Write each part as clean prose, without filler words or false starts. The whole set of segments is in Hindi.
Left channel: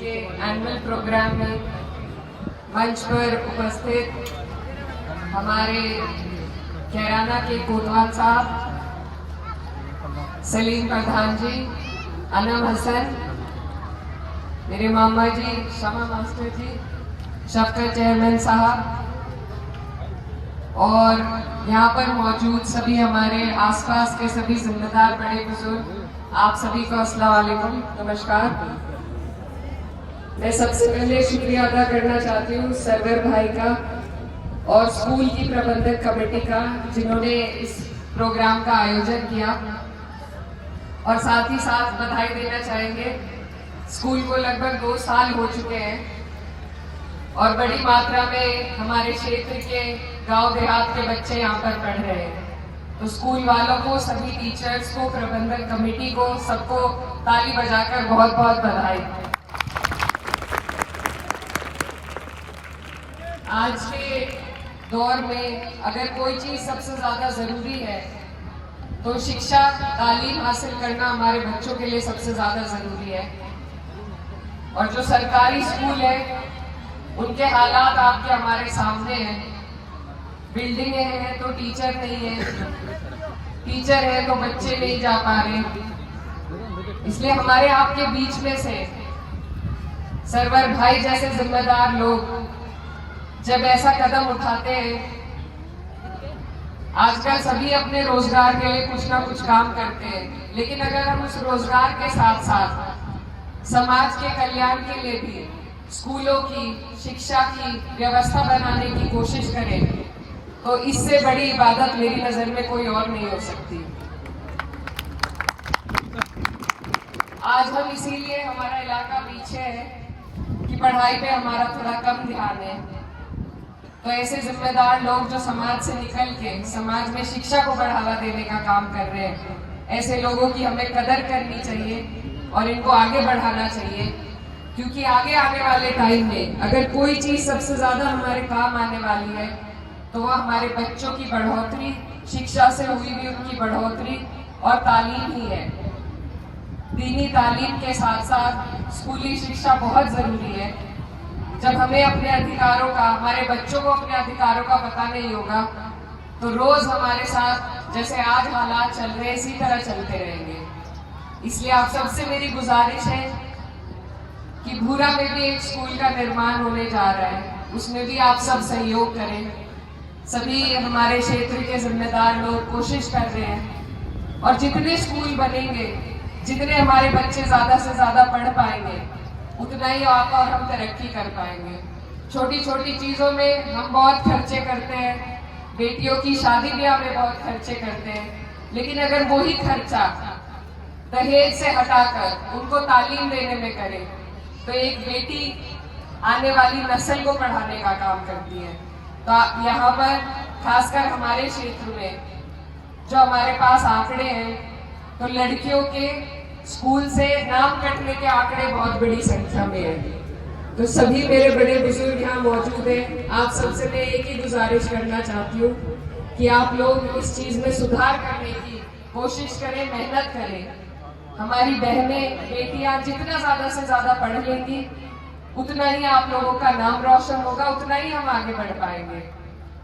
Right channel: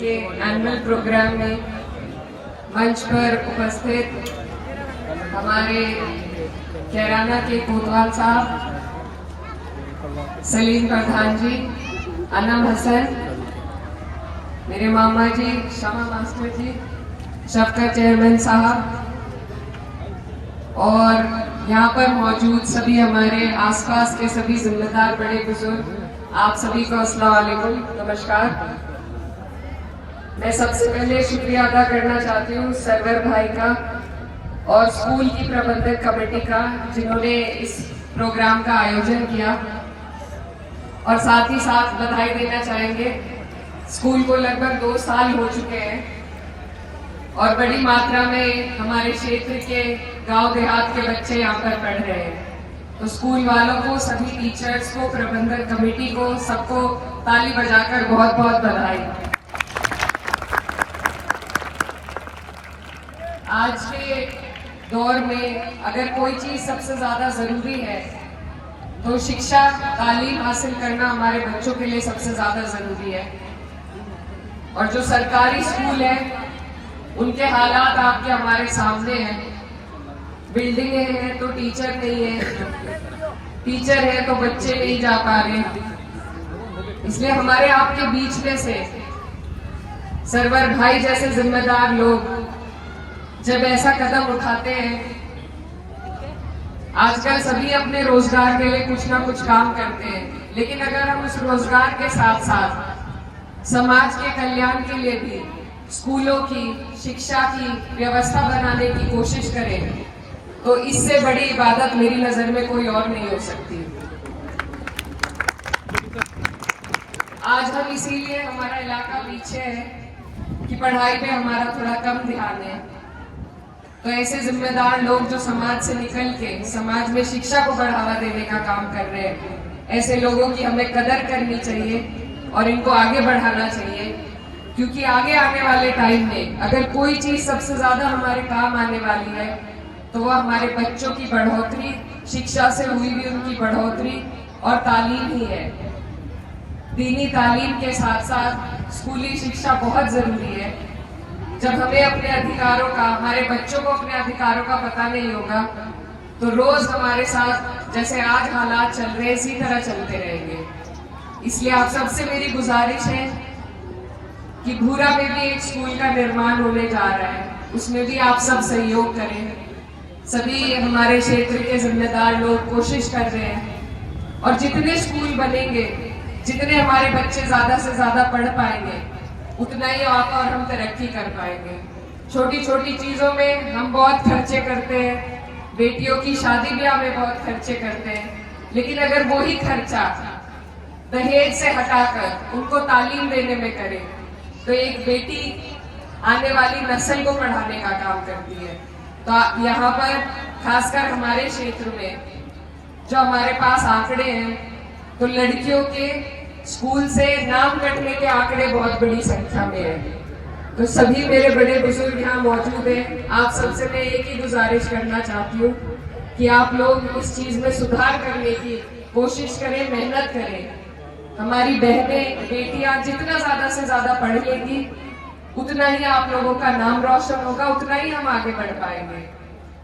के एनुअल प्रोग्राम में मंच पर उपस्थित हमारे कैराना के कोतवाल साहब, सलीम प्रधान जी, अनम हसन, मेरे मामा जी, शमा मास्टर जी, शफकत चेयरमैन साहब और यहाँ पर मौजूद सभी हमारे आसपास के सभी जिम्मेदार बड़े बुजुर्ग, आप सभी को अस्सलाम वालेकुम, नमस्कार। मैं सबसे पहले शुक्रिया अदा करना चाहती हूँ सरवर भाई का और स्कूल की प्रबंधक कमेटी का, जिन्होंने इस प्रोग्राम का आयोजन किया। और साथ ही साथ बधाई देना चाहेंगे, स्कूल को लगभग 2 साल हो चुके हैं और बड़ी मात्रा में हमारे क्षेत्र के गांव देहात के बच्चे यहाँ पर पढ़ रहे हैं। तो स्कूल वालों को, सभी टीचर्स को, प्रबंधक कमेटी को, सबको ताली बजाकर बहुत बहुत बधाई। आज के दौर में अगर कोई चीज सबसे ज्यादा जरूरी है तो शिक्षा, तालीम हासिल करना हमारे बच्चों के लिए सबसे ज्यादा जरूरी है। और जो सरकारी स्कूल है उनके हालात आपके हमारे सामने हैं। बिल्डिंगें हैं तो टीचर नहीं है, टीचर है तो बच्चे नहीं जा पा रहे। इसलिए हमारे आपके बीच में से सरवर भाई जैसे जिम्मेदार लोग जब ऐसा कदम उठाते हैं, आजकल सभी अपने रोजगार के लिए कुछ ना कुछ काम करते हैं, लेकिन अगर हम उस रोजगार के साथ साथ समाज के कल्याण के लिए भी स्कूलों की, शिक्षा की व्यवस्था बनाने की कोशिश करें तो इससे बड़ी इबादत मेरी नजर में कोई और नहीं हो सकती। आज हम इसीलिए, हमारा इलाका पीछे है कि पढ़ाई पे हमारा थोड़ा कम ध्यान है। तो ऐसे जिम्मेदार लोग जो समाज से निकल के समाज में शिक्षा को बढ़ावा देने का काम कर रहे हैं, ऐसे लोगों की हमें कदर करनी चाहिए और इनको आगे बढ़ाना चाहिए। क्योंकि आगे आने वाले टाइम में अगर कोई चीज सबसे ज्यादा हमारे काम आने वाली है तो वह हमारे बच्चों की बढ़ोतरी, शिक्षा से हुई भी उनकी बढ़ोतरी और तालीम ही है। दीनी तालीम के साथ साथ स्कूली शिक्षा बहुत जरूरी है। जब हमें अपने अधिकारों का, हमारे बच्चों को अपने अधिकारों का पता नहीं होगा तो रोज हमारे साथ जैसे आज हालात चल रहे इसी तरह चलते रहेंगे। इसलिए आप सबसे मेरी गुजारिश है कि भूरा में भी एक स्कूल का निर्माण होने जा रहा है, उसमें भी आप सब सहयोग करें। सभी हमारे क्षेत्र के जिम्मेदार लोग कोशिश कर रहे हैं और जितने स्कूल बनेंगे, जितने हमारे बच्चे ज्यादा से ज्यादा पढ़ पाएंगे, उतना ही और हम तरक्की कर पाएंगे। छोटी छोटी चीजों में हम बहुत खर्चे करते हैं, बेटियों की शादी ब्याह में बहुत खर्चे करते हैं, लेकिन अगर वही खर्चा दहेज से हटाकर उनको तालीम देने में करें तो एक बेटी आने वाली नस्ल को पढ़ाने का काम करती है। तो यहाँ पर खासकर हमारे क्षेत्र में जो हमारे पास आंकड़े हैं, तो लड़कियों के स्कूल से नाम कटने के आंकड़े बहुत बड़ी संख्या में है। तो सभी मेरे बड़े बुजुर्ग यहाँ मौजूद हैं, आप सबसे मैं एक ही गुजारिश करना चाहती हूँ कि आप लोग इस चीज में सुधार करने की कोशिश करें, मेहनत करें। हमारी बहनें, बेटियां जितना ज्यादा से ज्यादा पढ़ लेगी उतना ही आप लोगों का नाम रोशन होगा, उतना ही हम आगे बढ़ पाएंगे।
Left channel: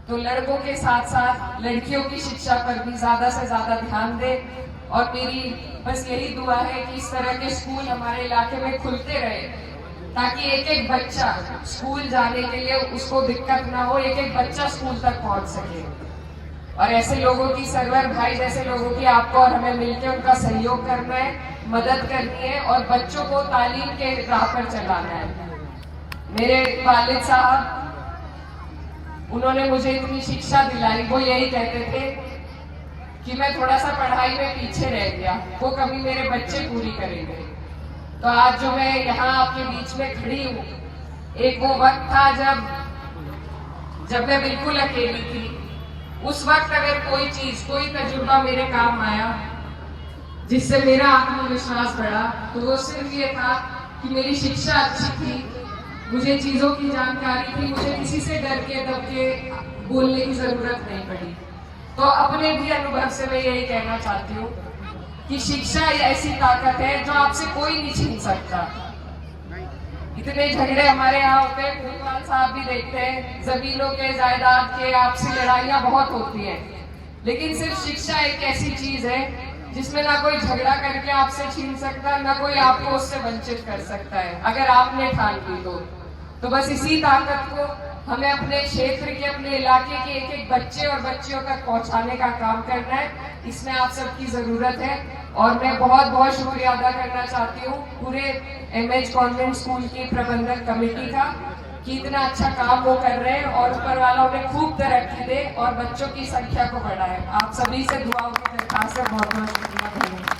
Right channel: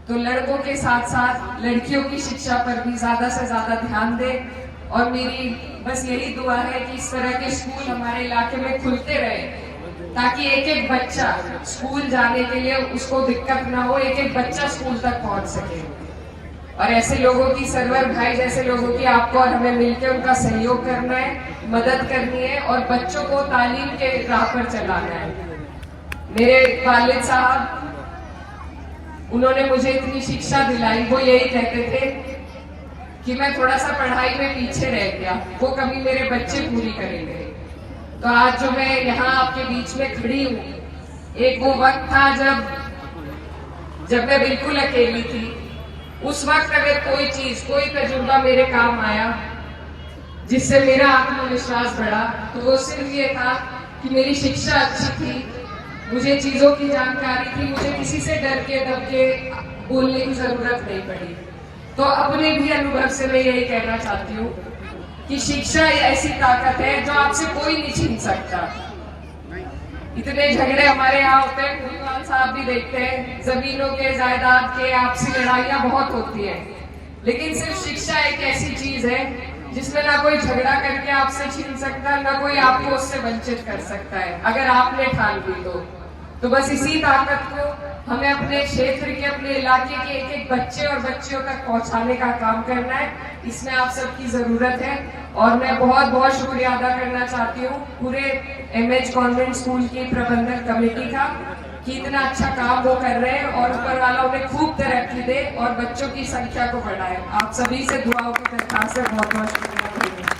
तो लड़कों के साथ साथ लड़कियों की शिक्षा पर भी ज्यादा से ज्यादा ध्यान दें और मेरी बस यही दुआ है कि इस तरह के स्कूल हमारे इलाके में खुलते रहे ताकि एक एक बच्चा स्कूल जाने के लिए उसको दिक्कत ना हो, एक एक बच्चा स्कूल तक पहुंच सके। और ऐसे लोगों की, सरवर भाई जैसे लोगों की आपको और हमें मिलकर उनका सहयोग करना है, मदद करनी है और बच्चों को तालीम के राह पर चलाना है। मेरे वालिद साहब, उन्होंने मुझे इतनी शिक्षा दिलाई, वो यही कहते थे कि मैं थोड़ा सा पढ़ाई में पीछे रह गया, वो कभी मेरे बच्चे पूरी करेंगे। तो आज जो मैं यहाँ आपके बीच में खड़ी हूँ, एक वो वक्त था जब मैं बिल्कुल अकेली थी। उस वक्त अगर कोई चीज, कोई तजुर्बा मेरे काम आया जिससे मेरा आत्मविश्वास बढ़ा तो वो सिर्फ ये था कि मेरी शिक्षा अच्छी थी, मुझे चीजों की जानकारी थी, मुझे किसी से डर के दब के बोलने की जरूरत नहीं पड़ी। तो अपने भी अनुभव से मैं यही कहना चाहती हूँ कि शिक्षा ऐसी ताकत है जो आपसे कोई नहीं छीन सकता। इतने झगड़े हमारे यहाँ होते हैं, भूपाल साहब भी देखते हैं, जमीनों के, जायदाद के, आपसी लड़ाइयाँ बहुत होती हैं। लेकिन सिर्फ शिक्षा एक ऐसी चीज है जिसमें ना कोई झगड़ा करके आपसे छीन सकता है, ना कोई आपको उससे वंचित कर सकता है, अगर आपने ठान ली तो बस इसी ताकत को हमें अपने क्षेत्र के, अपने इलाके के एक एक बच्चे और बच्चियों तक पहुंचाने का काम करना है। इसमें आप सबकी जरूरत है और मैं बहुत बहुत शुक्रिया अदा करना चाहती हूँ पूरे एमएच कॉन्वेंट स्कूल की प्रबंधक कमेटी का कि इतना अच्छा काम वो कर रहे हैं और ऊपर वाला उन्हें खूब तरक्की दे और बच्चों की संख्या को बढ़ाए। आप सभी से दुआओं की दरखास्त है। बहुत बहुत शुक्रिया।